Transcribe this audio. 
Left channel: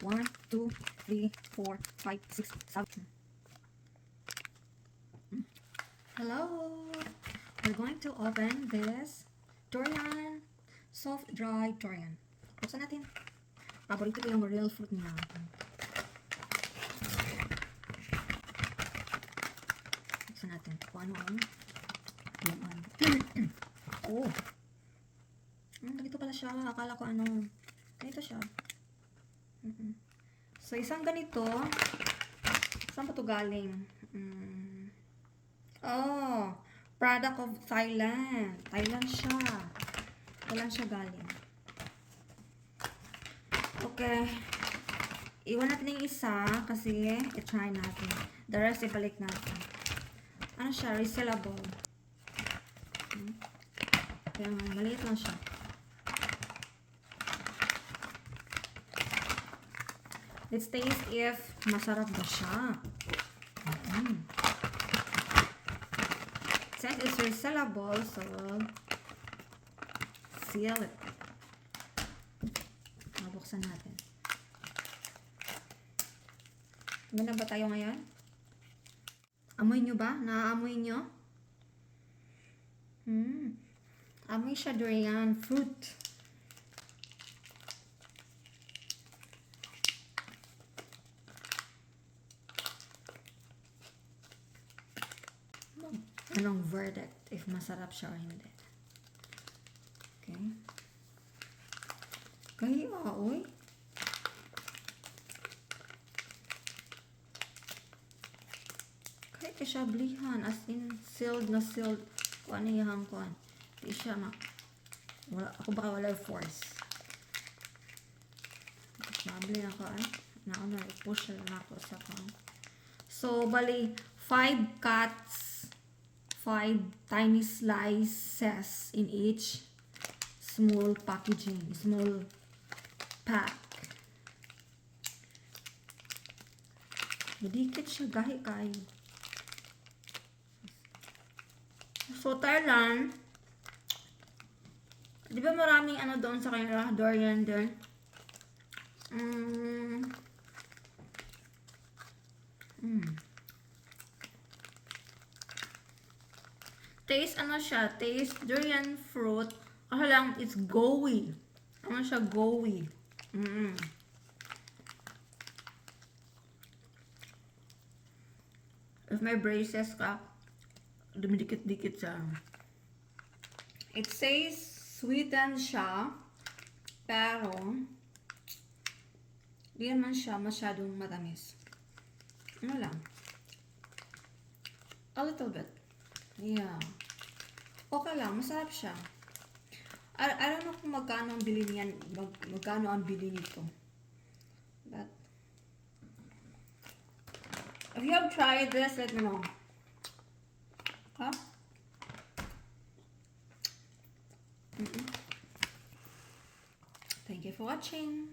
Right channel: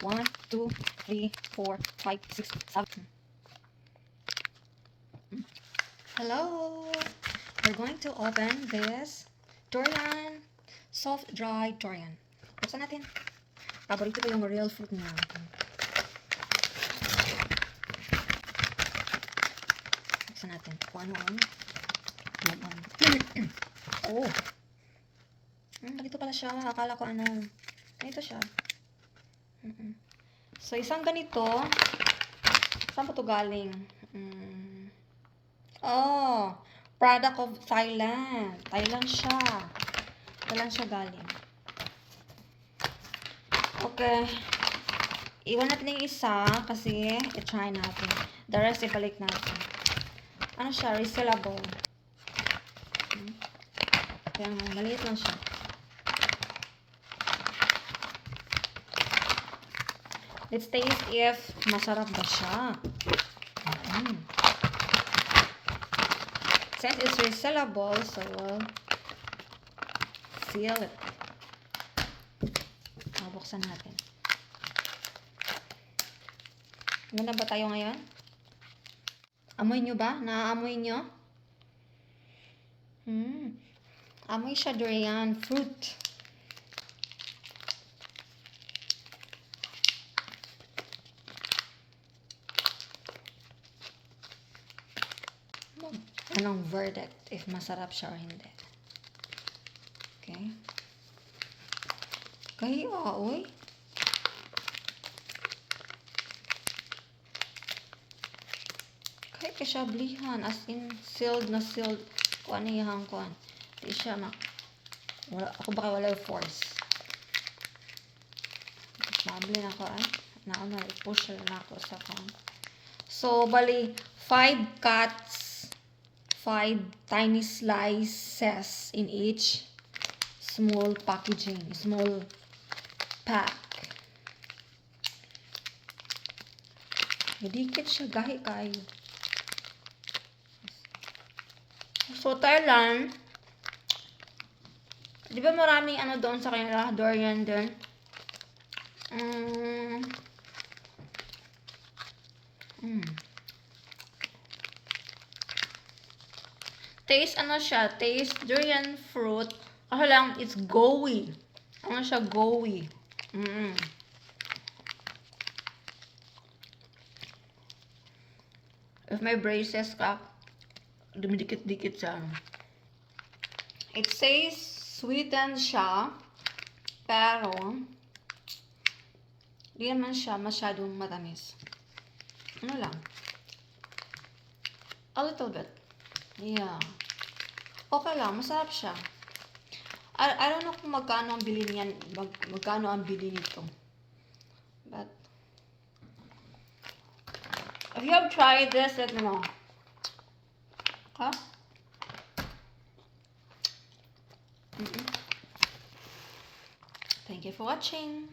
1, 2, 3, 4, 5, 6, 7. Hello! We're going to open this durian, soft dry durian. Buksan natin. Paborito ko yung real fruit niya. Buksan natin. Kung ano. Oh! Ganito pala siya. Akala ko ano. Ganito siya. So, isang ganito. Saan pa ito galing? Oh! Product of Thailand. Thailand siya. Thailand siya galing. Okay. Iwan natin yung isa kasi i-try natin. The rest ibalik natin. Ano siya? Resealable. Kaya maliit lang siya. Let's taste if masarap ba siya. Since it's resealable, so we'll seal it. Buksan natin. Ganda ba tayo ngayon? Amoy nyo ba? Naaamoy nyo? Amoy siya durian fruit. Anong verdict if masarap siya or hindi? Okay. Kaya, oy. Kaya siya blihan. As in, sealed na sealed. Kung ano yung kuan. Hindi siya ako baka wala yung force. Mabli na ako push na ako sa kuan. So, bali, 5 cuts. 5 tiny slices in each small packaging, small pack. Madikit siya, gahi kayo. So, Thailand, di ba maraming ano doon sa kanila, durian din? Taste ano siya? Taste durian fruit. Ako lang, it's gooey. Ano siya, gooey. If may braces ka, dumidikit-dikit siya. It says sweetened siya, pero di naman siya masyadong matamis. Ano lang? A little bit. Yeah. Okay lang, masarap siya. I don't know kung magkano ang bili niyan, magkano ang bili nito. But if you have tried this, let me know. Okay? Thank you for watching.